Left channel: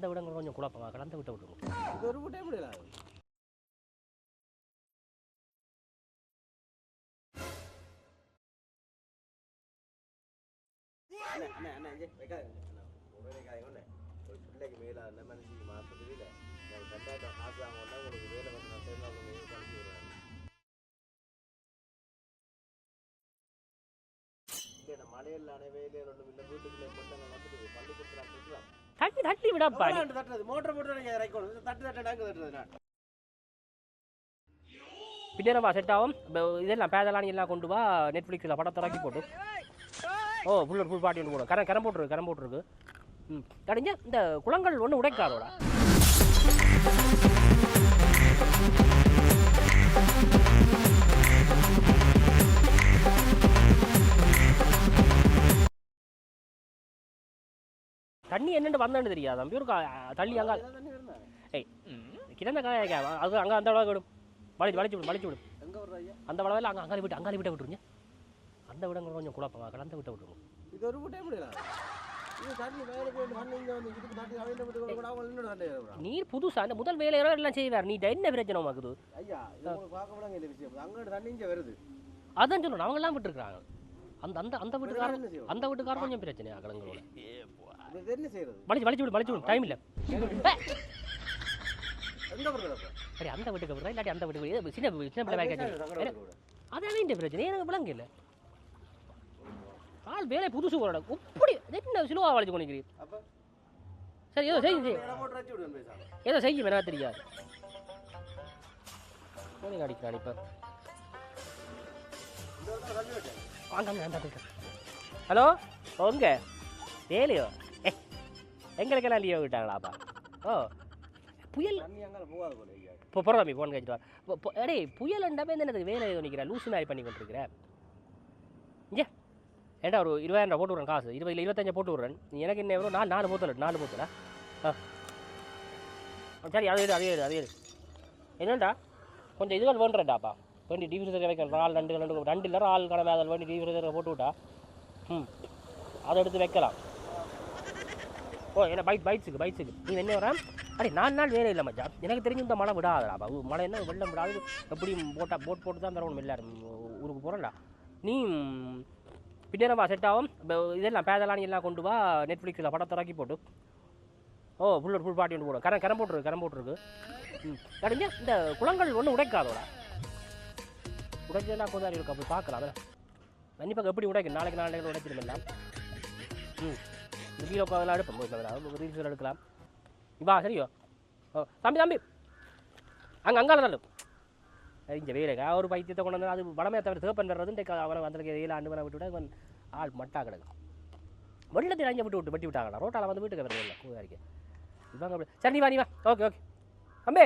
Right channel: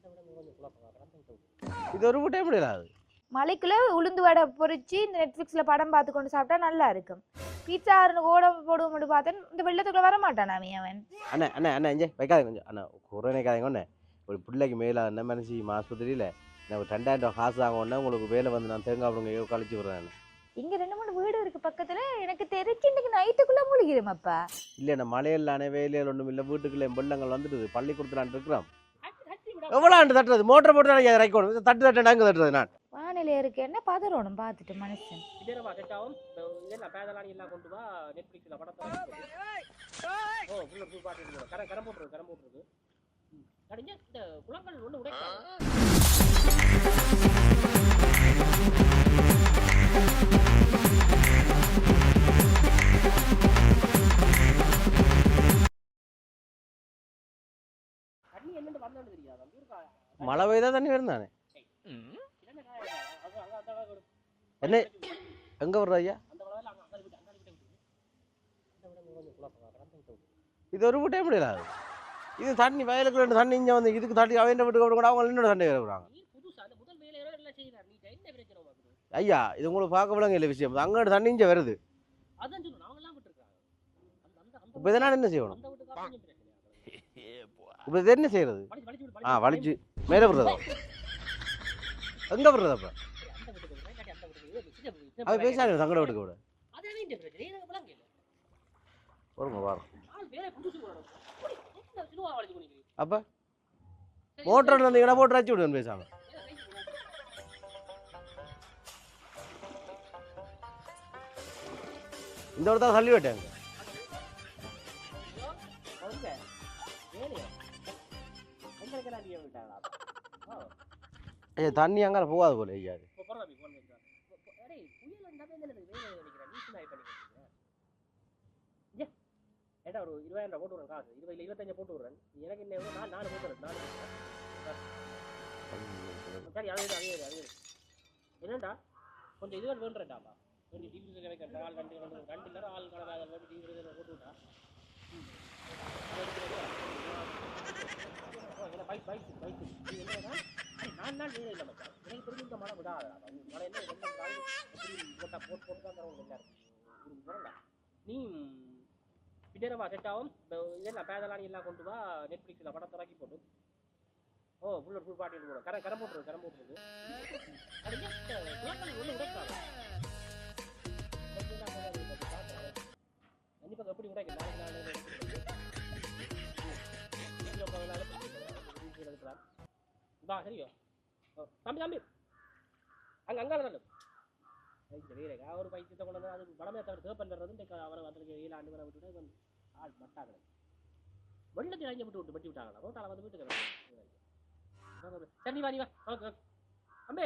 அந்த விடங்கள் கொஞ்சம் குழப்பமா கடந்த விட்ட விட்டுருங்க இது ஒரு விட்டே முடியாது மலைக்குள்ள உளுந்து வடை பொரிச்சு இந்த நெட்ஃபிளிக்ஸ்ல படம் பார்த்து கொண்டு சாப்பிட்டா நல்லா இருக்கும். பீட்சா ஓட போடுவோம்னு பார்த்தேன் இந்த வெள்ளத்துக்குள்ள வர மாட்டான் அவன். அவன் அண்ணே அண்ணே அண்ணே இங்கே வைக்காதீங்க கொஞ்சம். அண்ணா குறை நினைக்காதீங்க ஒண்ணே ஒரு பிள்ளைக்கு மேலே என்ன மனசு ஆஸ்பத்திரியில் நான் ஒரு ரெண்டாயிரம் ரூபா காசு வாங்க உடனே உங்களுக்கு வேலை வந்து நான் தேங்காய் அப்படிங்க கழிச்சு விடுறேன் இங்க ரெண்டு மூணு வீடு இருக்கு பக்கத்துல. எனக்கு தெரிஞ்சு இன்னைக்கு நைட்டுக்குள்ள மூழ்கிடுமாப்பா. இல்லை நான் மலையிலானே வேலையில் ஒன்றும் இல்லை வீட்டுக்குள்ள என் பிள்ளைங்கள் வந்துட்டு பள்ளிக்கூடத்தில் இருக்கிறோம். தட்டி விட எவ்வளோ தட்டுறது? மோட்டர் போட்டு தான் இறக்கணும் தட்டு தட்டு அங்கே தட்டுறது நான்? வானிலை இருக்கு. என்ன பதறணும் பார்த்துட்டு மனுஷன். செட் ஆகும் இதெல்லாம் பேதலானி எல்லாம் கொண்டு வா. நெட்ஃப்ளிக்ஸில் படத்தை இறக்கி போட்டு ஓ ஃபுல் ஃபுல் பாட்டி போடும் கரம் கரம் போட்டுருக்கு கரம் போட்டுருக்கு. ம். கடிஞ்ச இந்த குளங்கள் ஒன்றும் உடைக்காதோட. தண்ணி என்னன்னு வந்தேன்னு தெரியாது? தம்பி ஒரு மழை பெய்தா தண்ணி வரும் தானே கிடந்த காய அது அங்கே அந்த அளவுக்கு விடும். வலிச்சு விடும் வலிச்சு விடும் எங்கே வர்ற ஐயா? அந்த வளவில் அங்கே அங்காளி விட்டு அங்காளி விட்ட விட்டுருங்க. அந்த விடங்கள் கொஞ்சம் குழப்பமா கடந்த விட்ட விட்டுருங்க. இது ஒரு விட்டே முடியாது இது தண்ணி வயலுக்கு ரெண்டு தண்ணி இங்கே வந்து இதுக்கு தண்ணி அவன் விட்டு கூட அவங்க இன்னொரு தண்ணி வருவாங்க நீர் புதுசா அந்த முதல் வேலையோ எல்லாம் செய்வார். நீ என்ன பிரச்சனை உமக்குது ஐயா இது உங்களுக்கு பார்க்க விளங்க இல்லை விஷயம். அங்கே தண்ணி இங்கே வருது. அதான் சொல்லணும் அவங்க எல்லாம் விட்டுருக்காங்க அந்த அந்த அந்த இப்போ இதனால் என்ன செய்யணும்? அந்த வீட்டுக்காரன் கொஞ்சம் பிரச்சனை கலந்து இப்போ இது என்ன செய்யறது? வலிச்சு வலிச்சு விடு வலிச்சு வலிச்சு. மேலே விடுறதா? எங்கே விடுறது அப்போ? சரி அந்த வீட்டுக்கு விடுறா இல்லாட்டி அந்த வீட்டுக்கு விடு. சின்ன சின்ன பேசாது தங்கட வீட்டுக்கு விட. அதான் வேண்டிய பிரச்சனை? எனக்கு விளங்க இல்லை. வருங்க வரும் ஆள் வேலை புதுசு போறாங்க இப்படி என்ன சிலுவா வலிச்சு கொண்டிருக்கிறீ அப்போ? சரி செய்யுங்க. வந்தீங்கன்னா மோட்டர் அடிச்சு விடுவேன் பேசாம. ஏதோ செய்யும் என்ன தெரியாது இந்த ஒரு தான் தள்ளி விட்டேன். ஹலோ உங்க ஏலியோ. எங்களுக்கெல்லாம் லீவ் விட்டாங்களாப்பா? ஓ. தண்ணி அங்கே போகாது போல ஐயா. இப்போ போகிற தம்பி ஃபோன் கழிச்சிட்டு எடே புயல் அண்டாமே எனக்கு வேலை நிற்கிறேன் லூசு மாதிரி பண்ணி கொண்டிருக்கிறேன் இங்கே. ஏண்டா ஒரு இருபதாயிரம் ரூபா போட்டு விட்றேன் காசு? இருபது இல்லை இருபத்தஞ்சு போட்டு விட்றேன். எனக்கு என்ன எவ்வளோ நாலு நாலு போத்தல நாலு போத்தல ஆ. சரி அது அதே அதே இரு. என்னடா கொஞ்சம் இதுகள் வேண்டுறேன்டாப்பா. வேண்டி டிவிசர் வைக்கிறேன் நாலு ரெண்டு ரெண்டு ரெண்டு இல்லை ஆள் கடமை அதில் வேண்டி டிவிசர் போட்டு விட்டா ம் அதை எடுத்து வைக்கலாம். ஓ என்ன பைக் பைக்ஸுக்கு பைக்ஸுக்கு. நீ என்ன வரேன் அடே நாலு நாள் வேலை இல்லை மச்சா எனக்கு தெரிஞ்சு இந்த மழை விடாதடா பாபு. மழை என்ன வெள்ளம் விடாது. எப்படி போட்டால் போட் போட்டு தான் தரணும் எல்லாரும். ஊருக்கு போகிறேன்டா நீ பின்னரவா செட் ஆகும். இதெல்லாம் பேதலானி எல்லாம் கொண்டு வா. நெட்ஃப்ளிக்ஸில் படத்தை இறக்கி போட்டு. ஓ ஃபுல் ஃபுல் பாட்டி போடும் கரம் கரம் போட்டுருக்கு கரம் போட்டுருக்கு. ம். இந்த குளங்கள் ஒன்றும் உடைக்காதோ உடைச்சதெல்லாம் கூட இருக்கு. அப்போ பார்க்கலாம். கண்டிப்பாக எப்படி உடைக்கும் நாளைக்கு நாளைக்கு உடைக்கிறதில்ல ம். வீடியோ உட்காந்து எடுப்போம். ரீல்ஸ் எடுக்கலாம். இவா சரியோ? ஓ தம்பி தம்பி. அங்கே அங்கால நல்ல இங்கே வேலைக்கா ஒரு பைத்தியத்தை கொண்டு வந்து அது வடமே தவிர தேப்பன் வர்றது அவனை வந்திருக்க ஏழு ஆண்டு வர விட்டு விட ஆள் மட்டா கிடக்கும் வெள்ளத்தில் அஞ்சு விட்டு விட்டு வெட்டி விட்டாங்களா? ரோட்டால வந்து வீட்டுக்கு வரல கூதாரிக்கு. இவங்க சரி நீ வா நீ வா. Okay okay. அம்பே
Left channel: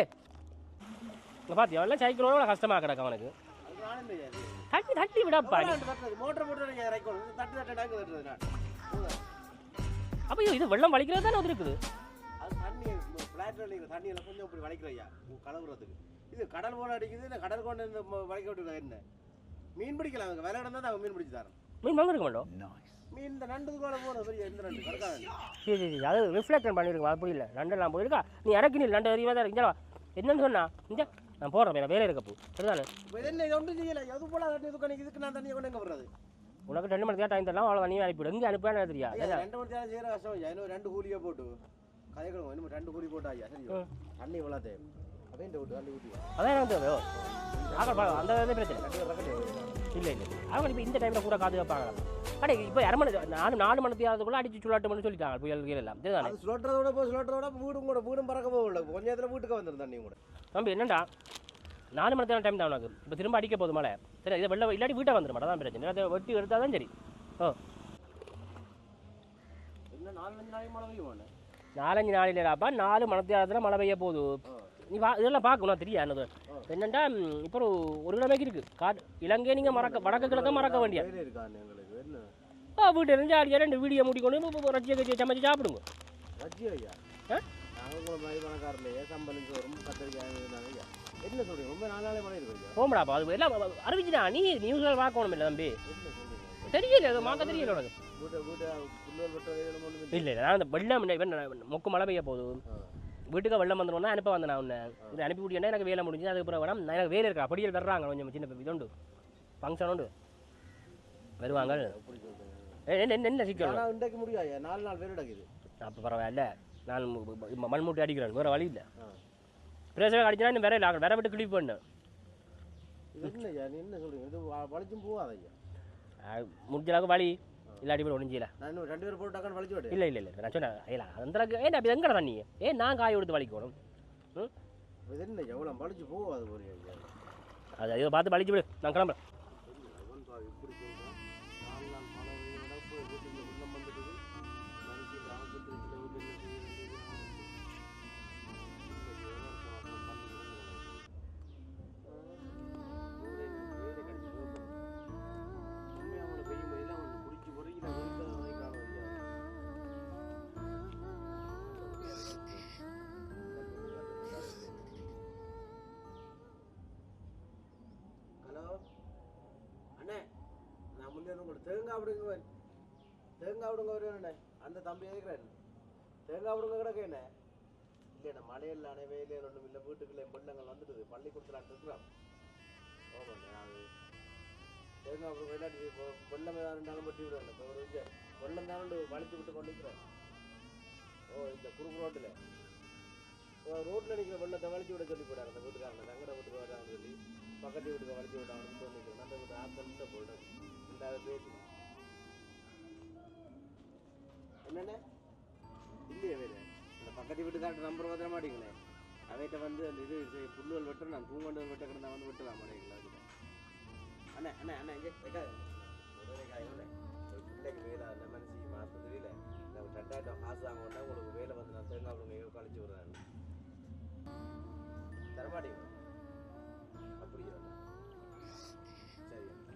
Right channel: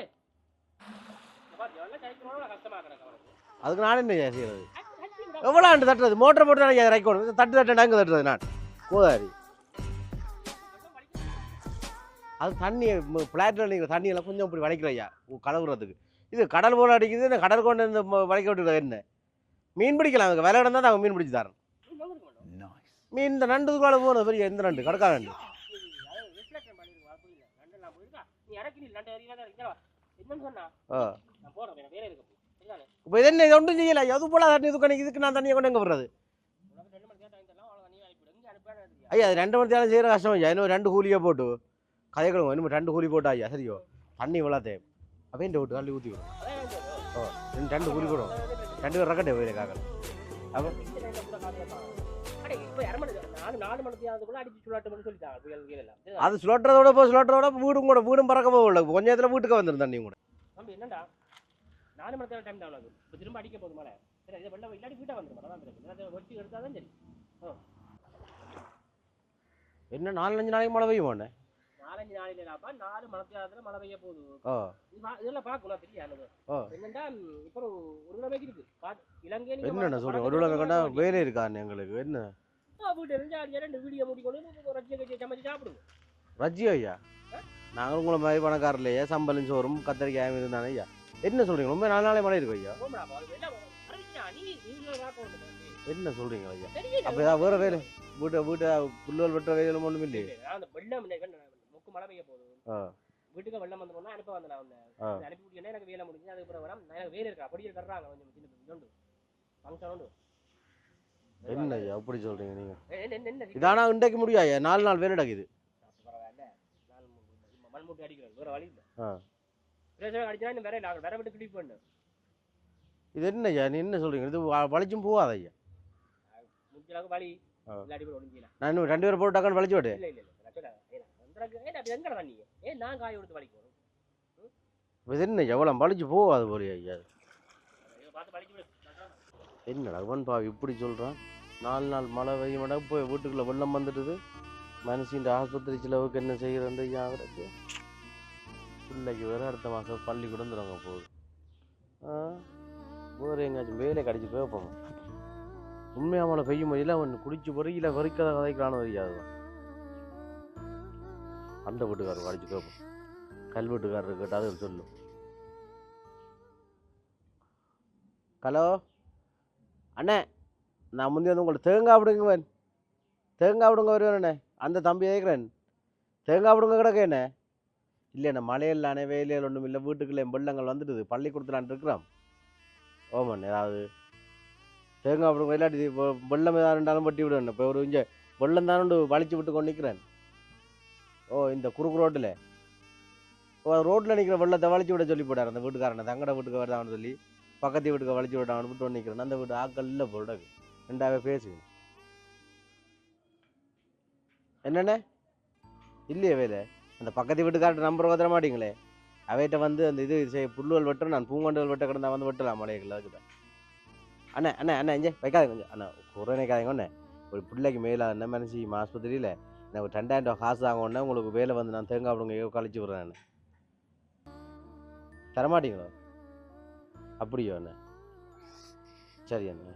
இங்கே பார்த்தியா எல்லாம் சைக்கிளோட கஷ்டமாக கிடக்கு அவனுக்கு. அதுக்கு நான் என்ன செய்யறது? தட்டி தட்டி விட எவ்வளோ ஆண்டு தட்டுறது? மோட்டர் போட்டு தான் இறக்கணும் தட்டு தட்டு தட்டுறது நான். போதாரி அப்போ இது வெள்ளம் வலிக்கிறது தானே இருக்குது அது தண்ணி பிளாட்ல நீங்கள் தண்ணியெல்லாம் கொஞ்சம் இப்படி வளைக்கிறையா கலவுறதுக்கு. இது கடல் போல அடிக்குது இந்த கடல் கொண்டு இந்த வளைக்க விட்டுறது என்ன? மீன் பிடிக்கலாம். அவங்க விலை தான் நாங்கள் மீன் பிடிச்சி தரோம் மீன் வாங்கிருக்க மாட்டோம் மீன் இந்த நண்டு கூட போகிறது பெரிய எந்த நண்டு? கடற்கா நண்டு சரி சரி. அது ரிஃப்ளெக்ஷன் பண்ணிருக்கோம்? அப்படி இல்லை லண்டன்லாம் போயிருக்கா? நீ இறக்கி நீ லண்டன் அறிவா தான் இருக்கா என்னன்னு சொன்னா நான் போடுறேன் நான் வேலை இருக்கப்போ. சரிதானே? இப்போ என்ன இது ஒன்றும் செய்யலை. எது போல தண்ணி இது கணக்கு இதுக்கு நான் தண்ணியை கொண்டு எங்கே போடுறது உனக்கு ரெண்டு மணி டைம் தரலாம் அவ்வளோ நீ அனுப்பிவிடு எங்கே அனுப்பான்னு தெரியா ஐயா ரெண்டு மணி நேரம் செய்கிற கஷ்டம் ஐயா. இன்னும் ரெண்டு கூலியை போட்டு. கதைகளும் இன்னும் ரெண்டு கூலி போட்டா ஐயா சரியோ? தண்ணி அப்படியே இந்த விட்டு தள்ளி ஊற்றி அதான் எனக்கு. ரெண்டு பிரச்சனை ரெண்டு பேர் ரக்கட்டே போயிருக்காங்க இல்லை அவங்க இந்த டைமில் கூட காது வைப்பாங்க அடே இப்போ அரை நாலு நாலு மணி தேர்தல் அடிச்சு சுள்ளாட்டு மணி சொல்லிட்டாங்க புயல் கீழ் எல்லாம்? அது சுழட்டுறதோட போய் சுழட்டுறதோட வீடும் கூட வீடும் பறக்க போகல கொஞ்ச நேரத்தில் வீட்டுக்கு வந்துடும் தண்ணி கூட தம்பி என்னடா நாலு மணி நேரம் டைம் தான் உனக்கு இப்போ திரும்ப அடிக்க போகுது மழை சரி இதை வெளில இல்லாட்டி வீட்டை வந்துடும் அதான் பிரச்சனை அதை வெட்டி எடுத்தால் தான் சரி என்ன நாலு அஞ்சு நாளைக்கு மழை பெய்யும் மாட்டேன் நாலஞ்சு நாளிலாப்பா நாலு மணத்தியாரத்தில் மழை பெய்ய போகுது. நீ வா இதெல்லாம் பார்க்கணும் தெரியா என்னது. என்னண்டா இப்போ ஒரு கிழமைக்கு இருக்கு. காடு இலங்கை நீங்க மறக்க வேண்டிய வேலை இருக்கான்னு எங்களுக்கு? என்ன? வீட்டு இருந்து ஜாலியாக ரெண்டு வீடியோ முடிக்கணும் ரச்சியை கட்சி சமைச்சு சாப்பிடுங்க. ரஜி ஐயா? ஆ? நாங்கள் உங்களை மாதிரி பணக்காரலையே சம்பளம் சோறும் கத்திரிக்காய் இருந்தானே ஐயா. என்ன சொல்றீங்க? ரொம்ப நாலு நாளே மழை இருக்கு ஐயா. போமடாப்பா அது எல்லாம் அறிவிச்சுனா நீ நியூஸ்ல பார்க்கணும் இல்லை தம்பி. என்ன சொல்றீங்க ஐயா? தெரியல வேற வேற வீட்டை வீட்டை புல்லுவல் வெட்டுற வேலையிலும் ஒன்றும் இல்லை இல்லை நான் அந்த வெள்ளம் மொக்கு மழை பெய்ய போகுது. ஆ. வீட்டுக்கு வெள்ளம் வந்துடும் அனுப்ப வந்தேன் நான் உன்னை. அனுப்பி விட்டியா எனக்கு வேலை முடிஞ்சு அதுக்கப்புறம் வேணாம் எனக்கு வேலை இருக்கா? படியல் வர்றாங்க கொஞ்சம் சின்ன இதுண்டு. ஃபங்க்ஷன் உண்டு. வருவாங்க. அப்படி சொல்றீங்க நீங்க? என்ன என்ன- என்ன இது சிக்கல் ஆனா இன்றைக்கு முடியாது நாலு நாள் வேலை நடக்குது அப்போ பரவாயில்ல நான் மண்மூட்டி அடிக்கிறேன் வேறு வழி இல்லை. ஆ. பிரேசர் அடிச்சுனா இன்னும் வேற இல்லை வேற விட்டு கிளிப் பண்ணு. இது என்ன ஐயா நீ என்ன சொல்றீங்க? இது வ- வலிச்சும் போகாத ஐயா? முடிஞ்ச அளவுக்கு வழி. இல்லாட்டி போய் ஒழிஞ்சில நான் இன்னும் ரெண்டு பேரும் போட்டு டக்குன்னு வலிச்சு விட்டு இல்லை இல்லை இல்லை நான் சொன்னேன் ஏல அந்த ஏன் அப்படி எங்கட தண்ணி ஏன் நான் காய கொடுத்து வலிக்கணும். இது என்ன எவ்வளோ வலிச்சு போகாது போலியா ஐயா. அது அதை பார்த்து வலிச்சு விடு நான் கிளம்புறேன். என்ன அவன் பா இப்படி சொல்கிறான் நாலு நாள் மழை பெய்ய மாட்டா போய் வீட்டுக்குள்ளே வெள்ளம் வந்துடுது மனுஷன் ஆஸ்பத்திரி செலவுக்கு என்ன செய்கிறது ஆகிறது பிள்ளைக்கு வேறு அடுத்த மாதம் பள்ளிக்கூடம் தொடங்க போகுது வேறு எங்கேயாச்சும் வேலை கடிச்சு போய்ப்போம் உண்மையாக மழை பெய்யும் போதில் அவன் குடிச்சு பொறியில வரிக்காத கதைக்கான வரியாது அந்த வீட்டுக்காரர் கடிச்சு போய்ப்போம் கல் வீட்டுக்காரர் கேட்டால் சொல்லு ஹலோ? அண்ணே நான் முந்தைய வந்து உங்கள்ட்ட தேங்காய் விடுங்கவன் தேங்காய் விடுங்க வருவேன் அந்த தம்பி கேட்குறேன் தேங்காய் விடுங்க இல்லை என்ன மலையில் மழையில்லானே வேலையில் ஒன்றும் இல்லை வீட்டுக்குள்ளே வெள்ளங்கள் வந்துடுது. பள்ளிக்கூடத்துலான் இருக்கிறோம் ஓமண்ணே ஏதாவது தேங்காய் விடுங்க இல்லாட்டி இப்போ வெள்ளம் ஏதாவது இருந்தாலும் பட்டி விடுவேன். இப்போ ஒரு இங்கே வெள்ளம் தானே வலிச்சு விட்டு கொண்டு நிற்கிறேன் ஓ இந்த குறுக்கு ரோட்டில். ஓ ரோட்டில் நிற்கிற வெள்ளத்தை வலிச்சு விட சொல்லி போட்டார் அந்த வீட்டுக்காரனை. தங்கட வீட்டுக்கு வருதான்னு சொல்லி பக்கத்து வீட்டுக்கு வலிச்சு விட்டான் விட்டு வந்து நிற்கிறேன் அந்த வீட்டு ஆக்கள் இல்லை போடாது ரெண்டாவே பேசுவேன் என்னென்ன இல்லையே வேலை. அந்த பக்கத்து வீட்டுக்கார்ட்ட நம்பர் வந்துட மாட்டீங்களே அவைகிட்ட வந்து அந்த இது செய் புல்லுவல் வெட்டுறேன் நான் பூங்கொண்டுகள் வெட்ட கிடந்தா வந்து வெட்டலாம் மலைகளை அதுக்கிட்ட அண்ணே அண்ணே அண்ணே இங்கே வைக்காதீங்க கொஞ்சம். அண்ணா ஒரு நினைக்காதீங்க ஒரு பிள்ளைக்கு மேலே என்ன மனசு ஆஸ்பத்திரியில்? எனக்கு ஒரு ரெண்டாயிரம் ரூபா காசு வாங்க உடனே உங்களுக்கு வேலை வந்து நான் தேங்காய் விடுங்க கழிச்சு விட்றேன் நான் தரமாட்டீங்களா? அப்படியோ அண்ணே? சரி அண்ணா.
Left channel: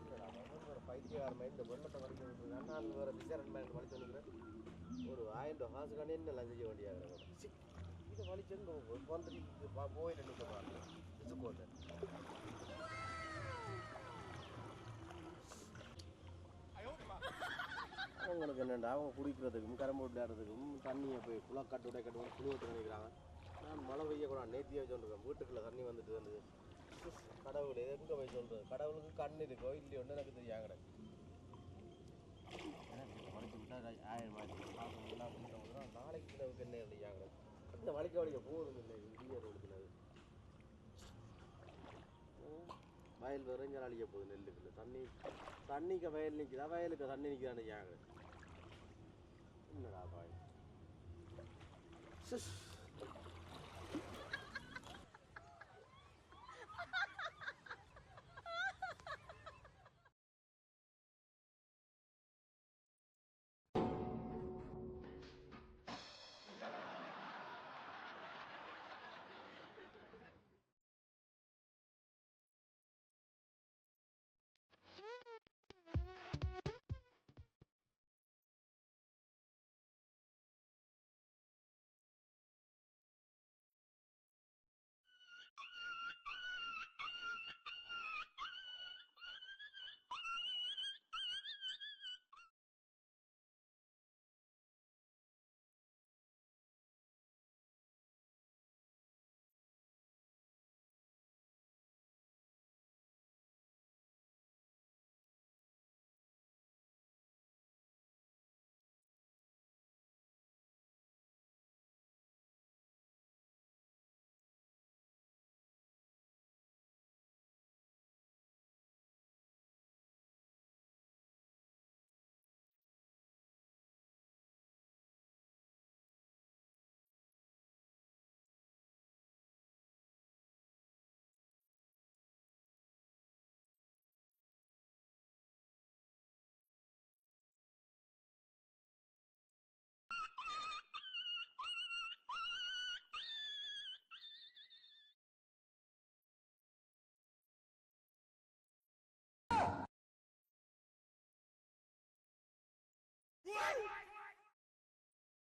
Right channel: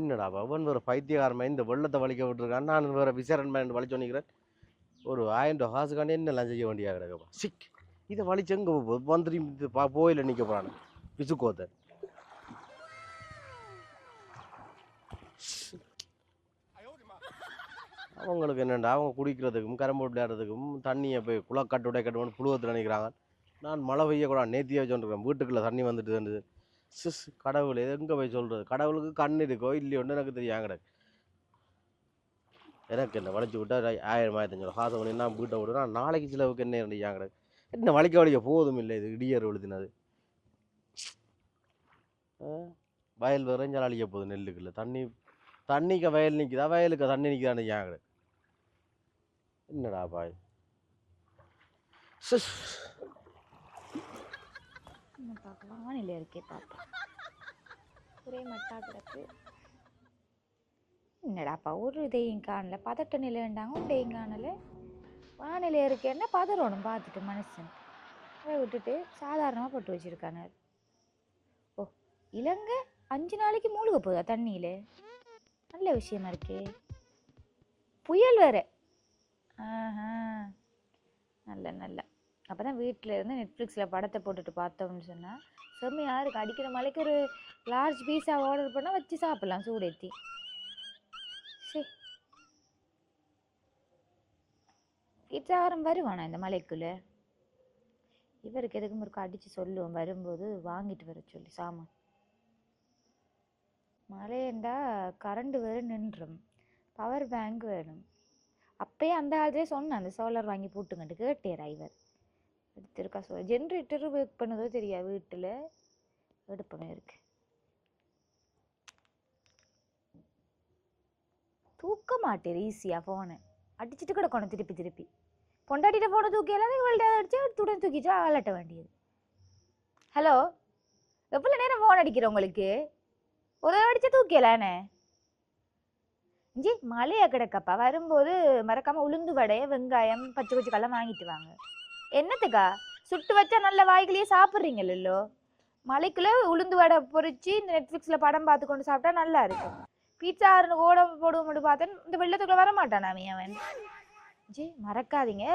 என்னடா அவன் வேறு பைத்தியகாரமாக இந்த வெள்ளத்தை வலிக்க விட்டுருக்கான். நான் வேறு விசாரணை வலிச்சு பண்ணிக்கிறேன் ஒரு ஆயிரம் ரூபா காசுக்காண்டி என்னெல்லாம் செய்ய வேண்டியா கிடக்கப்பா. சிக். இதை வலிச்சு எங்கே வந்துட்டு பா போயில நிற்க போகிறான் பிசுக்கோத்தை. அவங்களுக்கு என்னண்டா? அவங்க குடிக்கிறதுக்கும் கரும்பு விளையாடுறதுக்கும் தண்ணியை போய் குளக்கட்டு கட்டுவோன்னு புழுவத்தில் நினைக்கிறாங்க நான் மழை பெய்யக்கூடாது நேத்தியாக சொல்லிருக்கேன் வீட்டுக்குள்ளே தண்ணி வந்துட்டு சிஸ் கடவுள் எங்கே போய் சொல்கிறது கடவுளுக்கு கண் இருக்கோ இல்லையோன்னு எனக்கு தெரியும் கிடக்கு. எனக்கு என்ன வளைச்சி விட்டா ஆயிரம் ஆயிரத்தஞ்சு காசு பண்ணி நான் வீட்டை விடுறா நாளைக்கு சிலவுக்கு என்ன ரெண்டு கிடக்கு என்ன வளைக்க வளைக்க போதும் இல்லை இது இடியர் எழுதினது வயல் விரைஞ்சால் அழிக்க போகுது நெல்லுக்குள்ள. தண்ணி தண்ணிக்கு வயல் நிற்குதா வயலுக்கு தண்ணி நிற்குதான்னு ஏன் கிடக்கு என்னடா பாய்? சிஸ். இருக்கே ஒரே மட்டா கிடக்கு என்னடாப்பா ஒரு இதையும் காணல. பதட்ட நிலை வேண்டாங்க இதையும் காணல. வானிலை இருக்கேன்னா பதறணும் பார்த்துட்டு மனுஷன் அதை விட்டுட்டு சாதாரணமாக போட்டு வச்சுருக்காங்க. ஓ இலங்கை அஞ்சு நாளைக்கு மூழ்க போதா தண்ணியில்? நல்ல விஷயமா இருக்கே. புயல் வேற. ஆஹா. நல்ல நல்ல. அப்போ தான் வீட்டில் இருந்து நெட்ஃப்ளிக்ஸில் படத்தை போட்டுட்டு பார்த்தோம்னு சொன்னால் செம்மையாக இருக்குது அடிக்கிற மலைக்கு ஒரு லார்ஜ் பீஸாக ஆர்டர் பண்ணால் வச்சு சாப்பிட்லாம் சூடேற்றி பீட்சாகாரம் வருவானா இந்த மலைக்குள்ளே? இவருக்கு எதுக்கும் ஒருக்கா அடித்து சொல்லுவோம். வரும்போது வாங்கிட்டு வர சொல்லி சாமான். மழையண்டா கரண்ட் வேறு நின்றும். பவர் பேங்க் வேணும். அப்பயே அந்த ஆள்தே சொன்னேன். அந்த சோலார் வாங்கி போட்டுங்கன்ட்டு கேட்டேரா இவர் எடுத்திருக்கா சொல் ஜென்ரேட்டர் ஒர்க் பண்ணதோ தெரியா வீட்டில். எடுப்பமே இருக்கு. தூக்க மாட்டேர் ஈஸியாக ஃபோனை அடிச்சுட்டு கிடக்கணும் திருப்பி திருப்பி. பொண்டாட்டிகிட்ட ஃபோனை தூக்கி எல்லாம் இவள்கிட்ட அடிச்சு துடன் தூக்கிச்சா அலட்ட வேண்டியது. ஹலோ எவ்வளோ நேரம் ஃபோன் அடிக்கிறோம் உங்களுக்கு? ஒரு அடிச்சு தூக்கியலானே இஞ்சி மழையா கிடக்கப்பா. வரும்போது மறக்காம உளுந்து வடைய வெங்காயம் பச்சை பச்சைக்கெல்லாம் வாங்கிட்டு வாங்க. என்னத்துக்கா? சுட்டு வச்சா நல்ல வாய்களையே சாப்பிட்றீங்களோ மலைக்குள்ள உளுந்து வடை பொறிச்சு இந்த நெட்ஃப்ளிக்ஸில் படம் பார்த்து கொண்டு சாப்பிட்டா நல்லா இருக்கும். பீட்சா ஆறுனு ஓட போடுவோம்னு பார்த்தேன் இந்த வெள்ளத்துக்குள்ள வர மாட்டான் அவன் ஜி மறக்காதீங்க.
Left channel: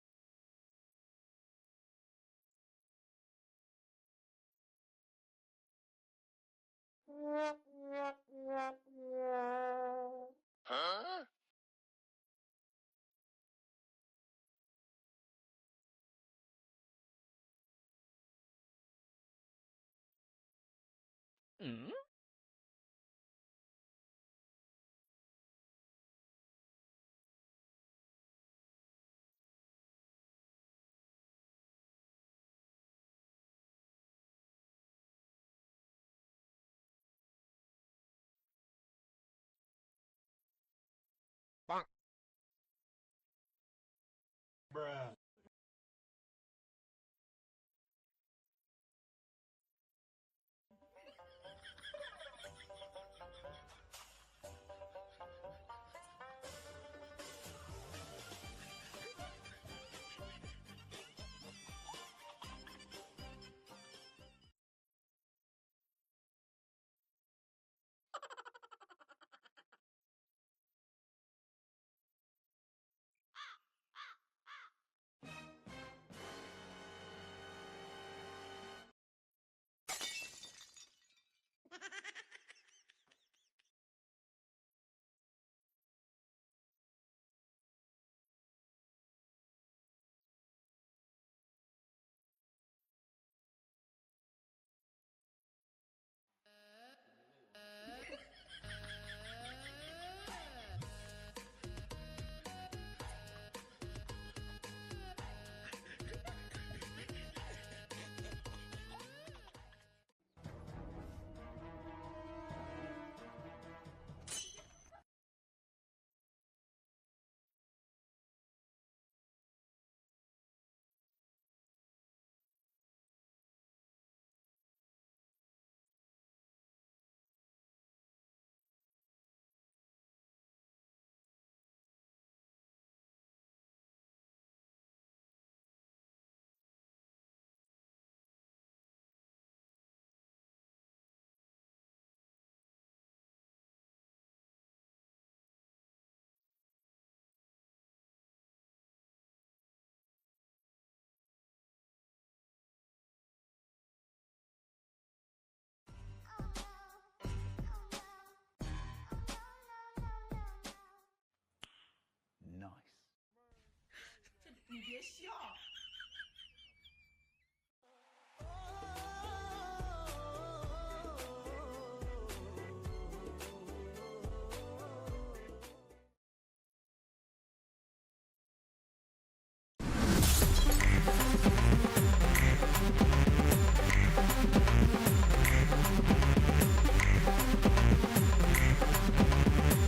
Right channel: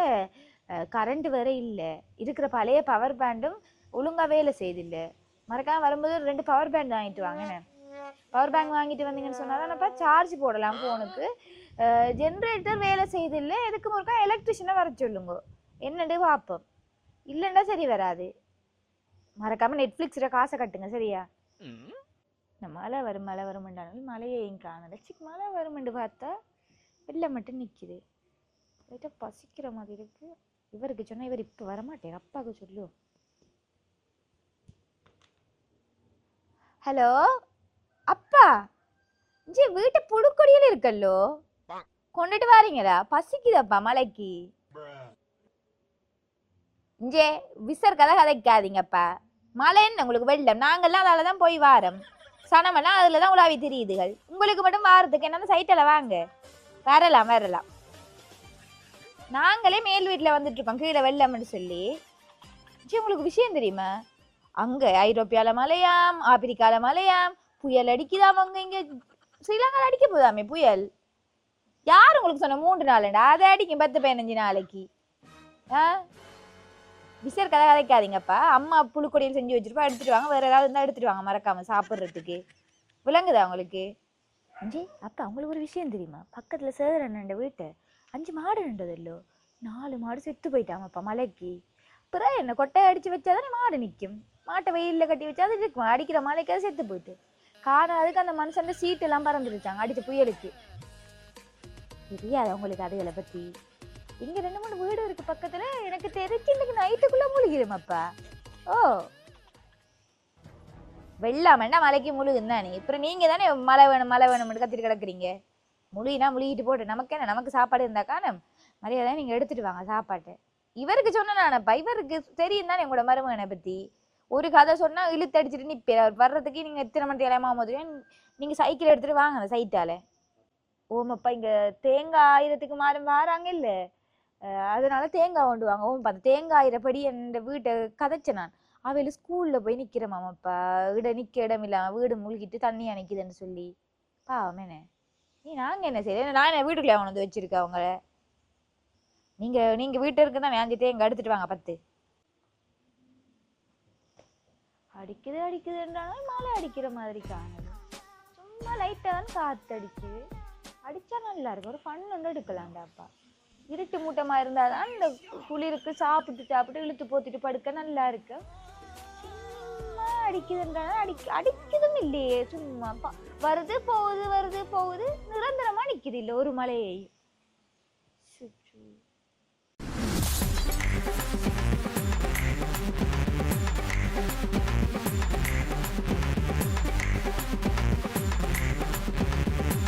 கரண்ட் வேற இல்லை. இருக்கிற பழைய பவர் பேண்டும் ஒழுங்கா வேலை செய்தில்லை. மறக்காம வரும்போது ரெண்டு பவர் பேண்ட் வாங்கிட்டு வாங்க. பவர் பேங்க் வாங்கிட்டு வந்தீங்கன்னு சொன்னா சார்ஜ் போடலாம் ஃபோனுக்கு ஜென்ரேட்டர் வேலை செய்தில்ல. எதுக்கு முறுக்கா எலக்ட்ரிஷியனை வர சொல்லுங்க. என்னண்டு பார்ப்போம். இல்லைன்னா சரி வராது. மறக்காம நெட்ஃப்ளிக்ஸில் காசை கட்டுங்க சரியா? இந்த மழை வரும் மழை வரும்ன்றாலும் மழையையும் காணல. சிக் மழை வரும்னு பார்த்தா வெளில மட்டும் நிற்கிது லைட்டாக பசிக்கிற மாதிரி இருக்கு. இவருக்கு சொன்னால் இவர் இப்போ வரமாட்டேன் அப்பாவுக்கு சொல்லு. ஹலோ? அப்பா! இஞ்சி வீட்டு புழுக்கொடியில் இருக்கல்லோ? கொண்டுட்டு வாரீங்களா? பசிக்குதப்பா மலைக்கு? இஞ்சே விசர் கதை கதைக்காதீங்கப்பா. மழை என்ன உங்களுக்கு வெள்ளம்? நாங்கள்லாம் அதால தான் போய் வாரம். சனமெல்லாம் அதில் தான் உலாவி தெரியுதுகள். உங்களுக்கு மட்டும் வாரத்துக்கு என்னென்ன சைட்டில் வாங்க. வரலாம் வரலாம். நாங்களே மேல் வீட்டில் வந்துட்டு இருக்கோம் கீழே வெள்ளம்னு சொல்லி. சரி உங்களுக்கு விஷயம் தெரியுமா? அங்கே ஐரோப்பியால மலையாம் ஆப்பிரிக்கால மலையாம் புயல் அடிக்குதாம் அவங்க இங்கே? ஸ்ரீலங்காவில் அடிக்க போதாமே புயல்? யார் உங்களுக்கு சொன்ன மூன்று நாளுண்டா? அதை அடிக்கும் பத்து பதினஞ்சு நாளைக்கு. ஆ? விசர் கதை கதைக்காதீங்கப்பா. அம்மா புழுக்கொடியில் செஞ்சு வச்சிருப்பா எடுத்துட்டு வாங்க. வேற ஏதாவது இருந்தால் எடுத்துட்டு வாங்க மறக்காம சாப்பிட்றதுக்கு. விளங்குதா உங்களுக்கு? அஞ்சு அப்பா அவங்களுக்கு ஒரு விஷயம் தெரியுமா? பக்கத்தில் சேதர் அண்ணன் வீட்டை. அஞ்சு மாடு நின்றதல்லோ நாலு மாடு செத்து போயிட்டாமப்பா மலைக்கு. பிறகு என்ன கொட்டையை அடிச்சு வச்சாதானே மாடு நிற்கும் மாட்டை வெயிலில் கட்டி வச்சா அது இருக்கும் அடிக்கிற மலைக்காக செத்து போயிட்டு. காரணம் அதுக்கு அந்த மனுஷன் சீட்டு எல்லாம் பறந்துருச்சாங்க அடித்த புயலுக்கு. தெரியாது உங்களுக்கு அதுகளை பற்றி இங்கே ரெண்டு மூணு வீடு இருக்கு பக்கத்தில். எனக்கு தெரிஞ்சு இன்னைக்கு நைட்டுக்குள்ளே முழுகிடுமாப்பா ஓ. வெள்ளாமன்னா மலைக்கு முழுகுன்னு தானே. அப்புறம் நீங்கள் தானே மழை வேணும் மழை வேணும்னு கத்திட்டு கிடக்குறீங்க? முழுகினா முழுகிட்டு போட்டு நமக்கு என்ன? நமக்கு சாப்பாடு இருந்தாக்கான மரியாதை நீங்கள் எடுத்துட்டு வாங்க சாப்பாட்டை. இவருக்கு சொன்ன நானப்பா இவருக்கு தெரியும் தானே உங்களோட மருமகனை பற்றி ஒரு கதை சொன்னால் இழுத்தடிச்சிட்டு அடிச்சுட்டு அவர் வர்றதுக்கு நீங்கள் எத்தனை மணி இலையமா போதும் நீங்கள் சைக்கிள் எடுத்துகிட்டு வாங்க அந்த சைட்டால. ஓமப்பா இங்கே தேங்காய் ஆயிரத்துக்கு மாறும் வாராங்க இல்லை? அதனால தேங்காய் கொண்டு வாங்க ஓமப்பா அந்த தேங்காய் ஆயிரப்படி என் வீட்டை கதைச்சேன் நான். அவையில் ஸ்கூலில் போய் நிற்கிறேன் மாமாப்பா. இட நிற்க இடம் இல்லாமல் வீடு முழுகிட்டு தண்ணி அணைக்குதுன்னு சொல்லி. பாவமேனே நீ நாங்க என்ன செய்ய நான் என்ன வீட்டுக்குள்ள கொண்டு வந்து வச்சிருக்கேன் அவங்கள? நீங்க நீங்க வீட்டு இருக்கு தான் வேஞ்சிட்டே இங்கே எடுத்துட்டு வாங்க பத்து. அடிக்குது அடிக்குதுன்றாலும் மழை அடிக்கிற மாதிரி காணுது சும்மா லைட்டாக காத்து அடிச்சு அடிச்சா நல்லா இருக்கும். ஒரு ஃபன் வந்து எடுக்கலாம்டாப்பா இருட்டு மூட்டமா இருந்தாதான் இந்த குளிருக்கு சாப்பிட்டு சாப்பிட்டு இழுத்து போத்திட்டு படுக்க நல்லா இருக்கு. சும்மா அடிக்குதுன்றாலும் அடி அடிக்குதும் இல்லையே சும்மா வருது போகுது வருது போகுது நிரந்தரமா நிக்குது இல்லை ஒரு மலையை. சுற்று.